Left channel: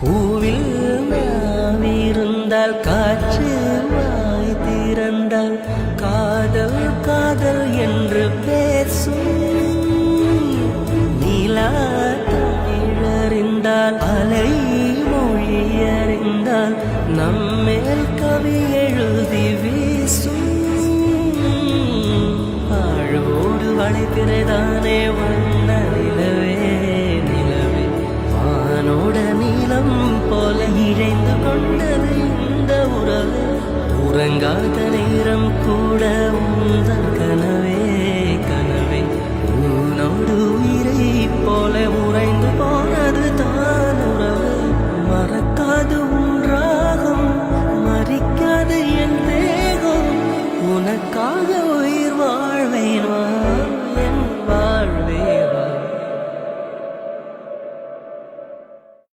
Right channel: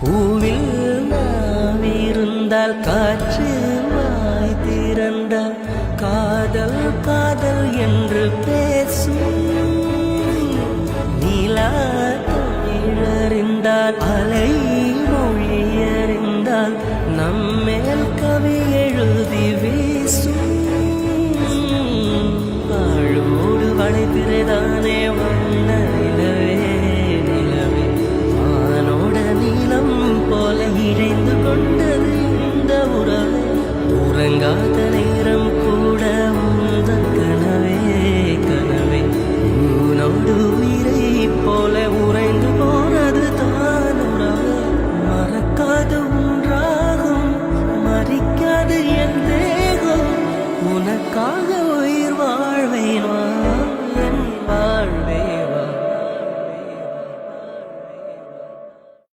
பூவில் நாவிருந்தால் காற்று வாய் திறந்தால் காதல் காதல் என்று பேசும். நீலா தமிழறிந்தால் அலை மொழியறிந்தால் நம்மேல் கவி எழுதி வீசும். வாழ்வோடு வளைத்திரைதானே வண்ண நிலவே நிலவே வானோட நீளம் போல இழைந்து கொண்டது இந்த உறவே. உறங்காத நேரம் கூட உந்தன் கனவே கனவே உனோடு உயிரை போல உறைந்து போனது தான் உறவே. மறக்காது உன்றாகும் மறிக்காது என் தேகம் உனக்காக உயிர் வாழ்வேன் என் வாழ்வே.